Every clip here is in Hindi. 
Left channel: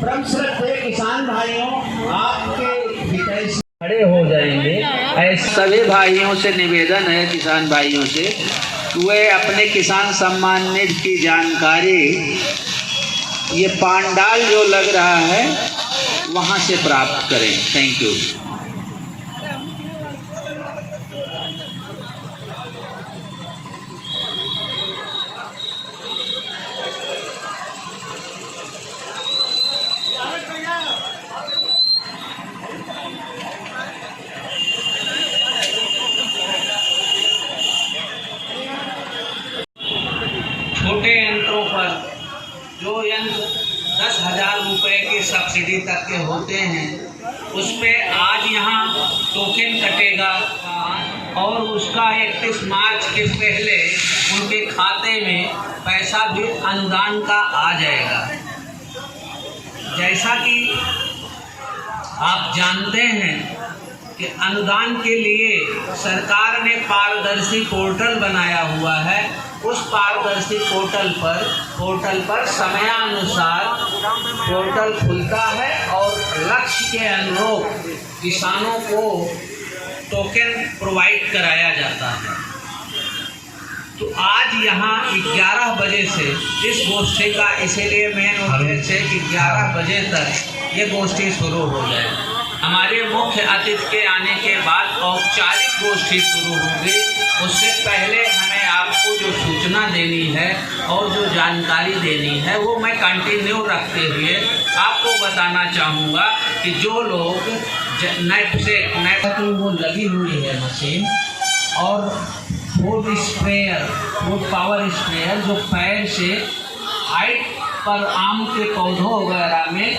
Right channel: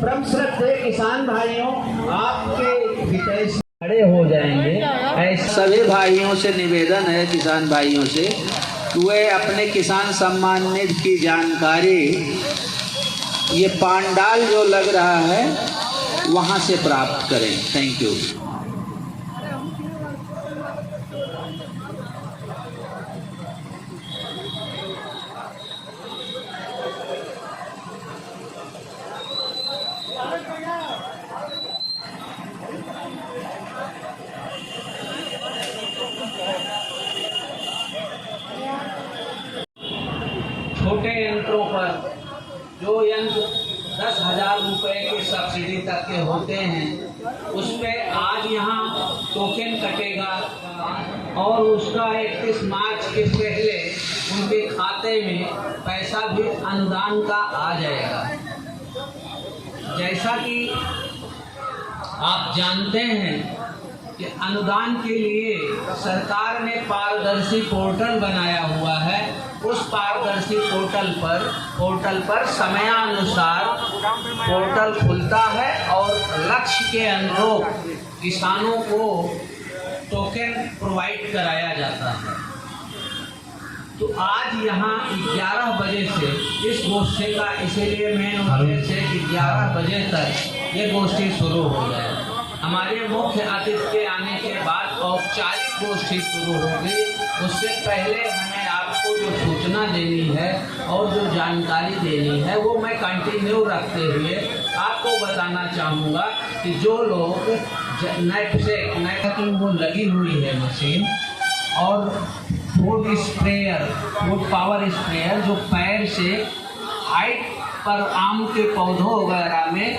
परम श्रद्धेय किसान भाइयों, आपके हितैषी खड़े हो जाएंगे। ऐसे सभी भाइयों से निवेदन है, किसान भाइयों से, कि वे अपने किसान सम्मान निधि की जानकारी ये पांडाल जो लग रहा है वहाँ से प्राप्त करें। Thank you. छोटे यंत्रों पर जो यंत्र 10,000 रुपये के सब्सिडी तक के होते हैं, उस पर आज यहाँ टोकन कटेगा और उसका 31 मार्च के पहले उनके खाते में पैसा भी अनुदान का आ जाएगा। जैसा कि आप जानते हैं कि अनुदान के लिए सरकार ने पारदर्शी पोर्टल बनाया हुआ है। उस पारदर्शी पोर्टल पर समयानुसार पोर्टल खुलता है और लक्ष्य के अनुरूप किसानों को टोकन प्रोवाइड कराया जाता है। तो आज यहाँ 11 बजे से इस गोष्ठी का इसीलिए मेन उद्देश्य है कि 11 बजे तक ये गोष्ठी शुरू हो जाए। हमारे मुख्य अतिथि के आने के बाद औपचारिक गोष्ठी शुरू होगी। उससे पहले हमें आपको जो सूचना देनी है और जो जानकारी देनी है वो मैं कंटिन्यू रखते हुए आपको बताना चाहूँगा कि जो लोग नेट की वो लगी हुई है मशीन और फूड पावर स्प्रेयर जो पैर से हाइट पर आम के पौधों वगैरह में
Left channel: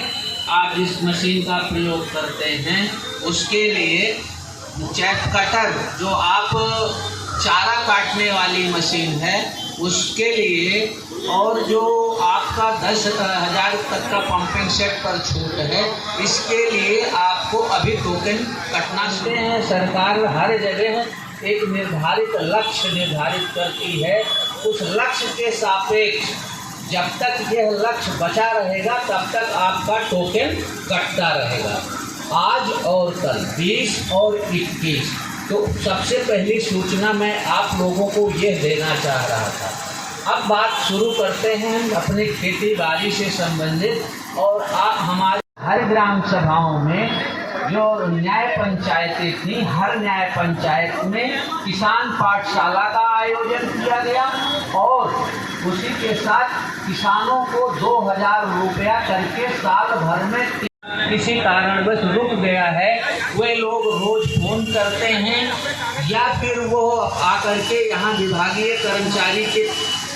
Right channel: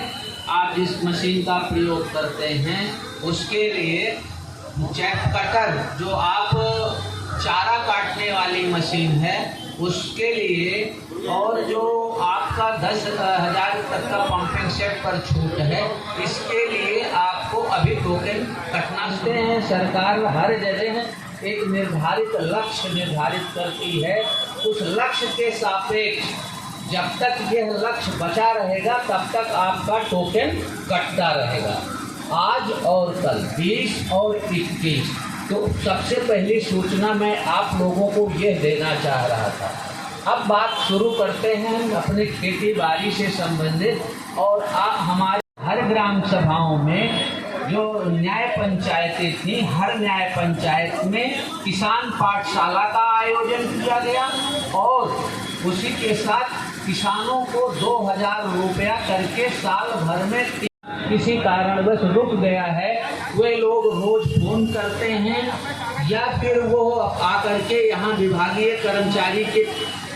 आप जिस मशीन का प्रयोग करते हैं, उसके लिए चैप कटर जो आप चारा काटने वाली मशीन है उसके लिए, और जो आपका 10,000 तक का पंपिंग सेट पर छूट है, इसके लिए आपको अभी टोकन कटना शुरू है। सरकार हर जगह एक निर्धारित लक्ष्य निर्धारित करती है। उस लक्ष्य के सापेक्ष जब तक यह लक्ष्य बचा रहेगा तब तक आपका टोकन कटता रहेगा। आज और कल 20 और 21 तो सबसे पहली सूचना मैं आप लोगों को यह देना चाह रहा था। अब बात शुरू करते हैं अपनी खेती बाड़ी से संबंधित। और आप हमारे हर ग्राम सभाओं में जो न्याय पंचायतें थी, हर न्याय पंचायत में किसान पाठशाला का आयोजन किया गया और उसी के साथ किसानों को 2,000 रुपया करके साल भर में किसी कारणवश रुक गया है, वे लोग रोज फोन करते हैं या फिर वो आकर के यहाँ विभागीय कर्मचारी के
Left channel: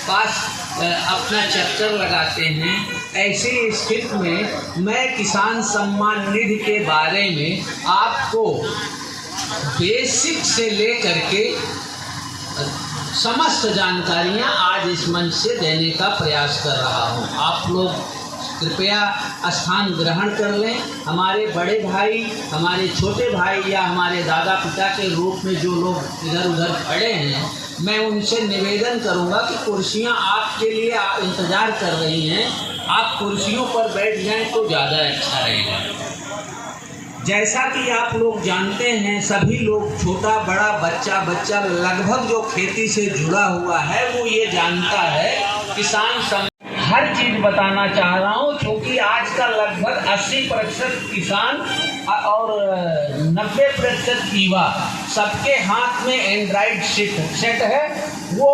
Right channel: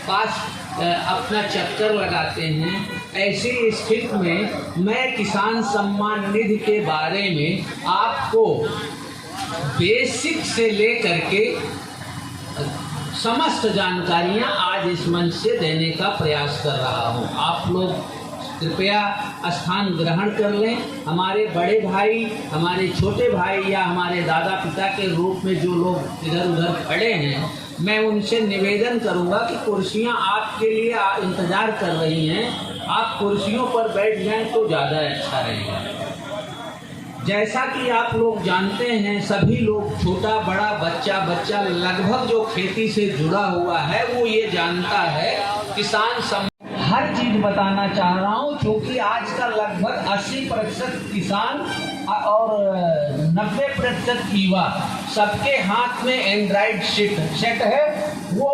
पास अपना चक्कर लगाते हैं। ऐसी स्थिति में मैं किसान सम्मान निधि के बारे में आपको बेसिक से लेकर के समस्त जानकारियाँ आज इस मंच से देने का प्रयास कर रहा हूँ। आप लोग कृपया स्थान ग्रहण कर लें। हमारे बड़े भाई, हमारे छोटे भाई या हमारे दादा पिता के रूप में जो लोग इधर उधर खड़े हैं, मैं उनसे निवेदन करूंगा कि कुर्सियां आपके लिए इंतज़ार कर रही हैं, आप कुर्सियों पर बैठ जाएं तो ज़्यादा अच्छा रहेगा। जैसा कि आप लोग जानते हैं, सभी लोग छोटा बड़ा बच्चा लगभग जो खेती से जुड़ा हुआ है वो ये जानता है। किसान हर चीज़ बताना चाह रहा हूँ क्योंकि आज का लगभग 80% किसान और 90% युवा सबके हाथ में एंड्रॉइड सेट है। वो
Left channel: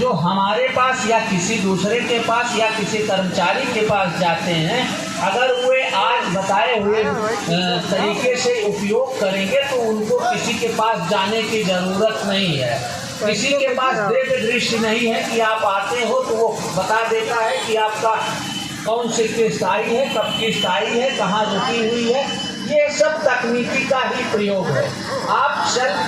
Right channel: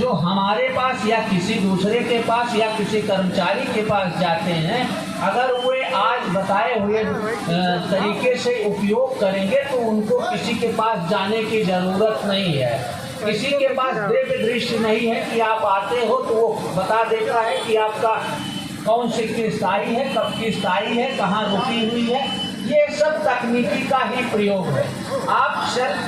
जो हमारे पास या किसी दूसरे के पास या किसी कर्मचारी के पास जाते हैं, अगर वे आज बताए हुए तरीके से उपयोग करेंगे तो उनको किसी के पास जाने की ज़रूरत नहीं है। किसी के पास देख दृष्टि नहीं है कि आप आते हो तो वो बता देता है कि आपका कौन सी किस्त आई है, कब किस्त आई है, कहाँ रुकी हुई है। ये सब तकनीकी का ही प्रयोग है। आप सेल्फ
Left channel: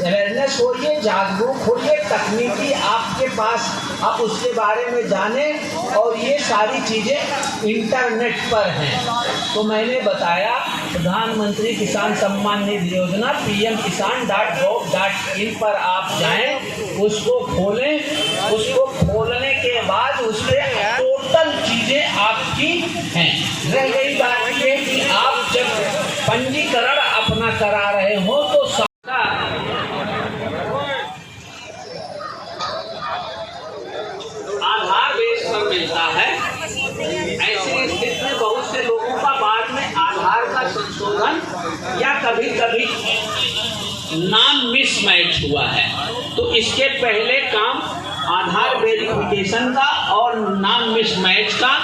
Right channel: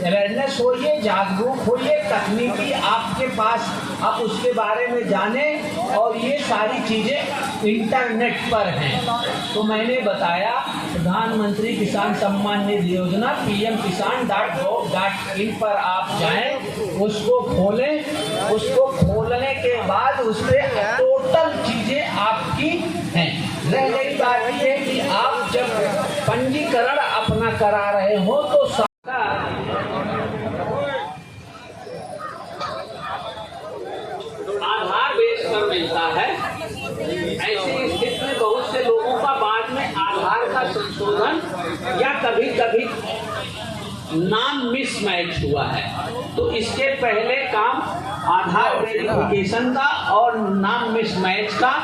अवेयरनेस होइए, जागरूक होइए, तकनीकी आपके पास, आप उसके बारे में जानें और ये सारी चीज़ें इंटरनेट पर हैं। तो मैंने बताया प्रधानमंत्री किसान सम्मान निधि योजना pmkisan.gov.in पर आप जाएं, उसको खोलें, उसको खोलने के बाद उसके टोटल चीज़ें आपकी हैं। रह गई नाम मिसमैच हुआ है, तो इसके पहले काम आधार वेरिफिकेशन का और नाम मिसमैच का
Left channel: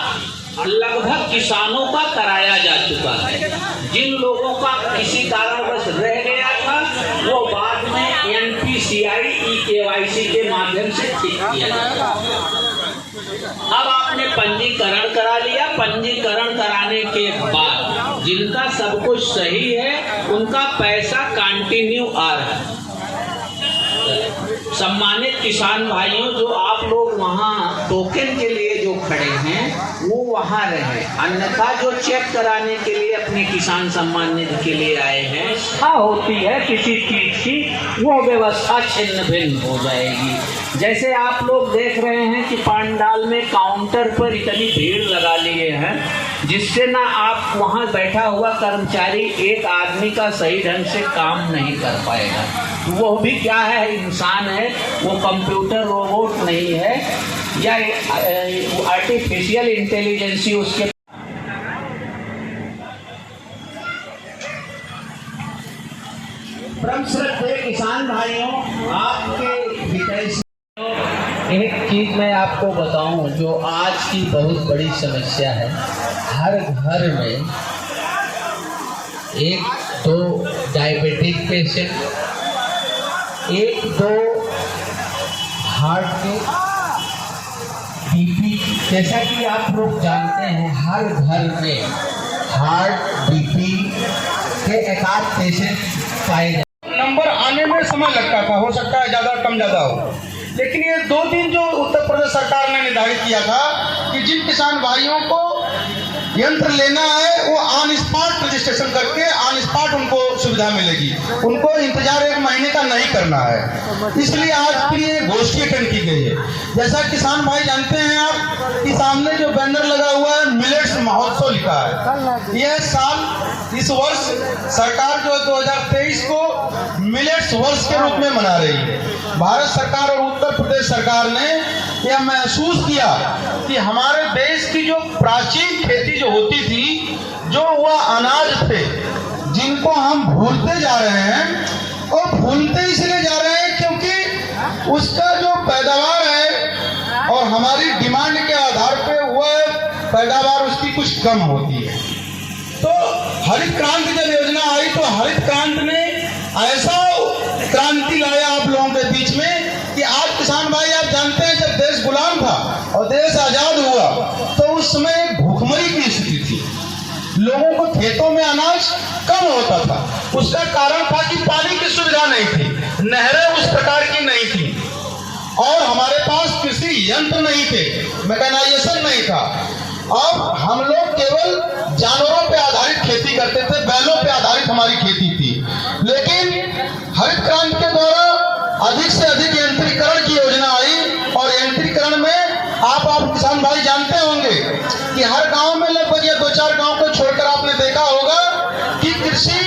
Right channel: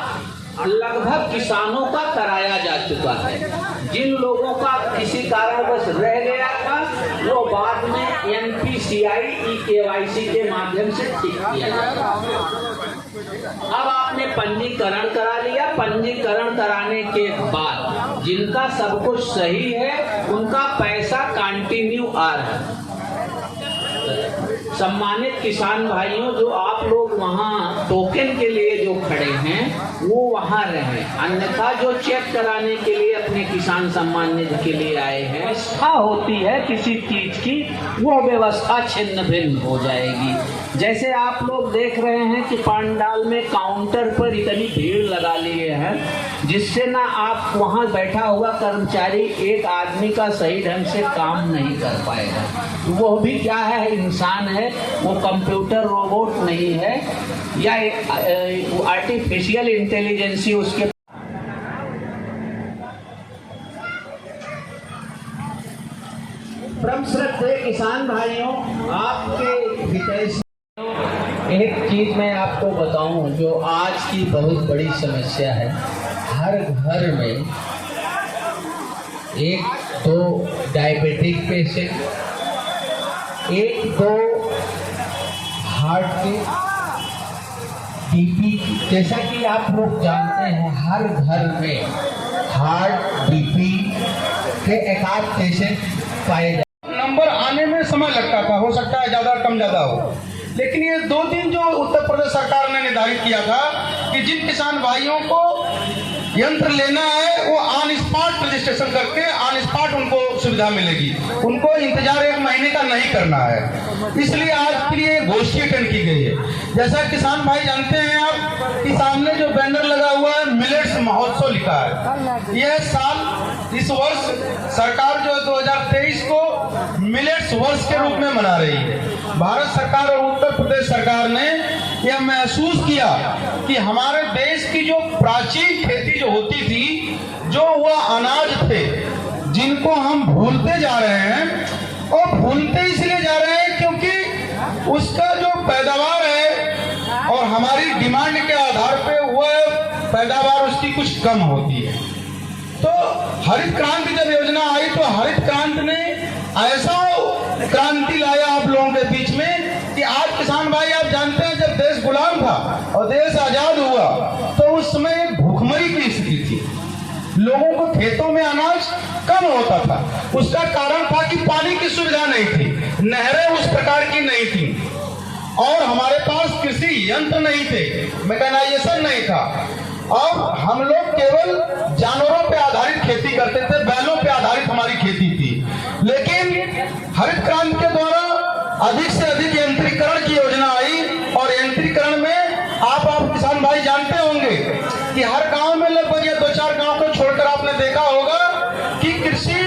लगभग किसानों का कराया जा चुका है। जिन लोगों का किसी कारणवश रह गया था वो बाद में NPCI eKYC के माध्यम से ठीक किया जाता है। अब आपने पंजीकरण करा लिया, पंजीकरण कराने के बाद जिनका सब कुछ सही है उनका पैसा कंटिन्यू आ रहा है। सम्मानित किसान भाइयों, जो आप लोग वहाँ टोकन के लिए जो खड़े हैं वो वहाँ रहे, अन्यथा जो चेक कराने के लिए अपने किसान सम्मान निधि के लिए आए हैं, होती है किसी चीज की, वो व्यवस्था छिन्न भिन्न हो जाएगी। जैसे आप लोग देख रहे हैं कि पंडाल में काउंटर पर इतनी भीड़ लगा लिए हैं जिससे ना आप वहाँ बैठा हुआ कर्मचारी एक आदमी का सही ढंग से काम नहीं कर पाएगा। वो भी क्या है, इंसान है, वो कंप्यूटर रोबोट नहीं है या आर्टिफिशियल इंटेलिजेंसी उसके। परम श्रद्धेय किसान भाइयों, आपके हितैषी एक चीज मैं आपको बताऊं जो आज की बहुत बड़ी समस्या है। हर घर में एक दो डायबिटिक पेशेंट, एक दो हार्ट के, बीपी, जैसा कि आप लोग जानते हैं हर घर में हार्ट बीपी के एकाध पेशेंट पाए जाते। नंबर आने में समय लगता था, हो सकता है ज़्यादा कम ज़्यादा हो, लेकिन ये 2 दिन जो उत्तर प्रदेश सरकार ने निर्धारित किया था कि जिन किसान भाइयों को यंत्र लेना है वो ऑन स्पॉट रजिस्ट्रेशन करके ऑन स्पॉट उनको सुविधा मिलेगी, उनको इंतजार 1 महीने का नहीं करना है। इसलिए आज फिर ये गोष्ठी अटेंड की गई है। जैसा किसान भाई जानते हैं आप कि सामने जो बैनर लगा हुआ है मिलेट्स महोत्सव लिखा है। यह साल, इस वर्ष सरकार जो 2023 को मिलेट्स वर्ष के रूप में मना रही है। भारत सरकार और उत्तर प्रदेश सरकार ने यह महसूस किया कि हमारे देश की जो प्राचीन खेती जो होती थी, जो वह अनाज थे जिनको हम भूलते जा रहे हैं, और भूलते इसलिए जा रहे हैं क्योंकि उसका जो पैदावार है और हमारी डिमांड के आधार पे वह पैदावार उसकी कुछ कम होती है। तो हरित क्रांति जब योजना आई तो हरित क्रांति ने ऐसा क्रांति लाया आप लोगों के बीच में कि आज किसान भाई आप जानते हैं जब देश गुलाम था और देश आजाद हुआ तो उस समय एक भूखमरी की स्थिति थी, लोगों को खेतों में अनाज कम होता था। उसका कारण था कि पानी की सुविधा नहीं थी, नहरें उस प्रकार की नहीं थी और हमारे पास कृषि यंत्र नहीं थे, मैकेनाइजेशन नहीं था। अब हम लोग केवल जानवरों पे आधारित खेती करते थे, बैलों पे आधारित हमारी खेती थी। लेकिन हरित क्रांति के द्वारा अधिक से अधिक यंत्रीकरण की योजना आई और यंत्रीकरण में आप किसान भाई जानते होंगे कि हर गांव में लगभग 2-4 गांव को छोड़कर आपने देखा होगा कि कृषि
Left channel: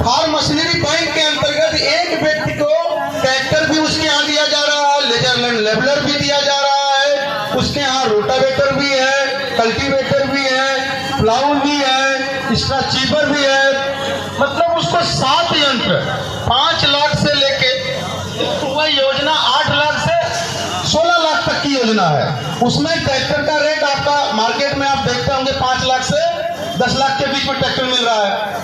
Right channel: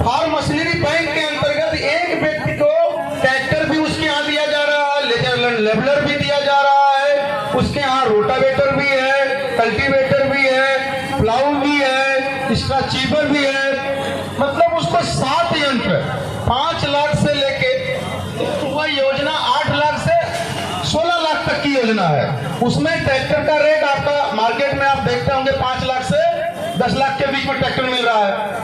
फार्म मशीनरी बैंक के अंतर्गत एक व्यक्ति को ट्रैक्टर भी उसके यहाँ दिया जा रहा है, लेजर लैंड लेवलर भी दिया जा रहा है, उसके यहाँ रोटावेटर भी है, कल्टीवेटर भी है, प्लाऊ भी है, स्ट्रैचीवर भी है। मतलब उसको 7 यंत्र 5 लाख से लेके वह योजना 8 लाख से 16 लाख तक की योजना है। उसमें ट्रैक्टर का रेट आपका मार्केट में आप देखते होंगे 5 लाख से 10 लाख के बीच में ट्रैक्टर मिल रहा है।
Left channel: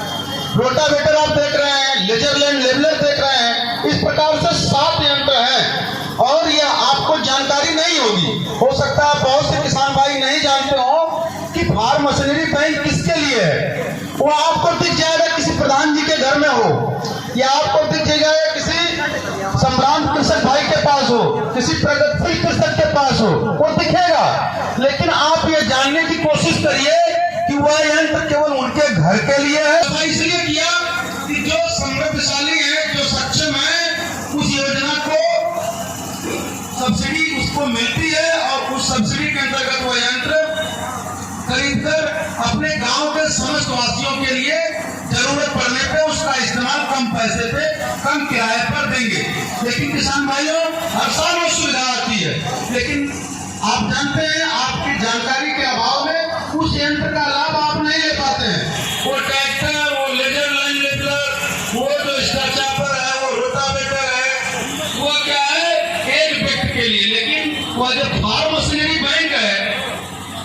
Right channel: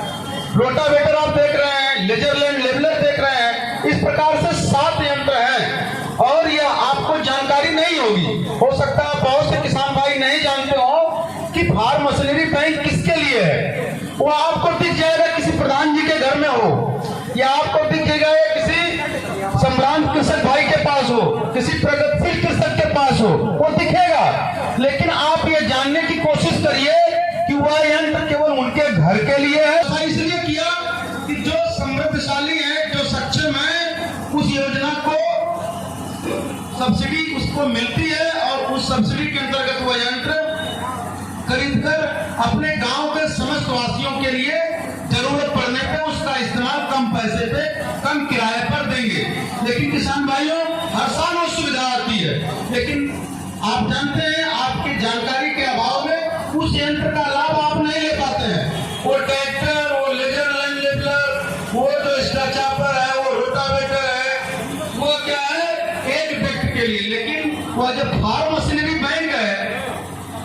रोटावेटर आप देख रहे हैं, लेजर लैंड लेवलर देख रहे हैं। इस प्रकार से 7 यंत्र हैं और यह आपको जानकारी नहीं होगी, हो सकता है बहुत से किसान भाई नहीं जानते हो कि फार्म मशीनरी बैंक किसके लिए है। वो आपको दिख जाएगा किसी प्रधान जी के घर में हो या आपको दिख जाएगा किसी सम्रांत कृषक भाई के पास हो, किसी प्रगतिशील कृषक के पास हो, वो दिखेगा। लेकिन आप ये जानने की कोशिश करिए कि वह यंत्र केवल उनके घर के लिए है। इसलिए किया कि जो समृद्धशाली है, जो सक्षम है, उस योजना को सब्सिडी उसको मिलती है और उस सब्सिडी के अंतर्गत वो यंत्र खरीदकर अपने गांव के समस्त वासियों के लिए जरूरत पड़ने पे उसका इस्तेमाल कम पैसे पे, कम किराए पर देंगे। लेकिन किसान भाइयों, हर साल वो सुविधा आती है, लेकिन आप जानते हैं आपकी जानकारी के अभाव में उस यंत्र का लाभ आप नहीं ले पाते हैं। वो ट्रैक्टर, वो लेजर लैंड लेवलर, वो जो स्ट्रैचर है, के लिए, लेकिन वह जो फार्म मशीनरी बैंक है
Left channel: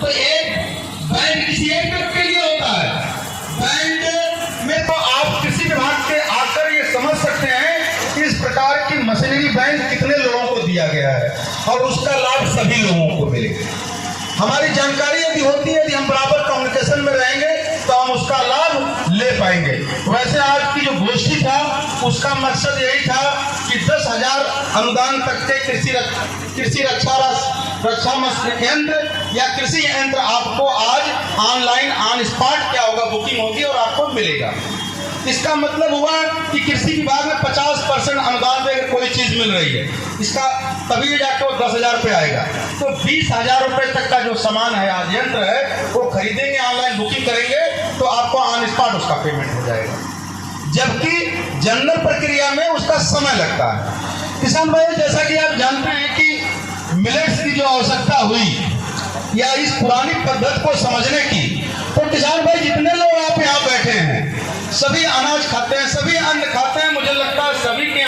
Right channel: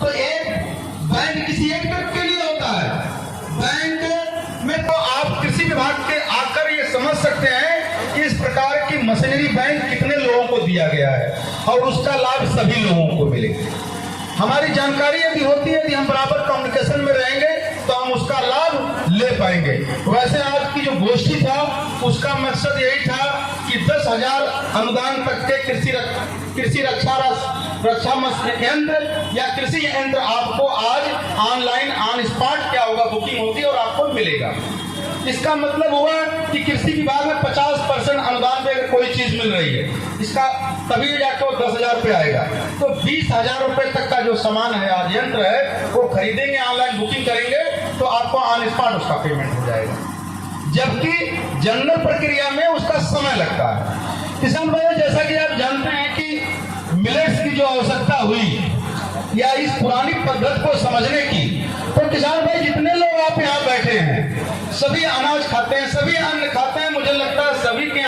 तो एक बैंक किसी एक व्यक्ति के लिए होता है। बैंक में तो आप कृषि विभाग के आकर ये समझ सकते हैं कि इस प्रकार की मशीनरी बैंक कितने लोगों को दिया गया है और उसका लाभ सभी लोगों को मिलेगा। हमारी जानकारी यदि होती है, यदि हम बराबर कम्युनिकेशन में रहेंगे तो हम उसका लाभ ले पाएंगे। वैसे आज की जो गोष्ठी था उसका मकसद यही था कि 10,000 अनुदान तक के कृषि रक्षा केंद्र या कृषि यंत्र आपको आज ऑनलाइन ऑन स्पॉट क्या होगा, बुकिंग होगी और आपको मिलेगा। इसका मतलब हुआ कि कृषि विभाग में 50% अनुदान देकर कोई चीज मिल रही है, इसका तभी जाके वो 10,000 पे आएगा। तो 20,000 रुपए तक का जो सामान है, आज यंत्र है, वो खरीदेंगे, ऑनलाइन बुकिंग करेंगे तो आपको ऑन स्पॉट उसका पेमेंट हो जाएगा, जबकि जनरल प्रक्रिया में उसका समय लगता है। किसान भाई, जैसा कि आप जानते हैं कि मिलेट्स की जो आवश्यकता हुई या इस पुरानी पद्धति को समझने की, तो किसान भाई जितने लोग आप यहाँ बैठे हैं सभी अनाज खाते हैं, सभी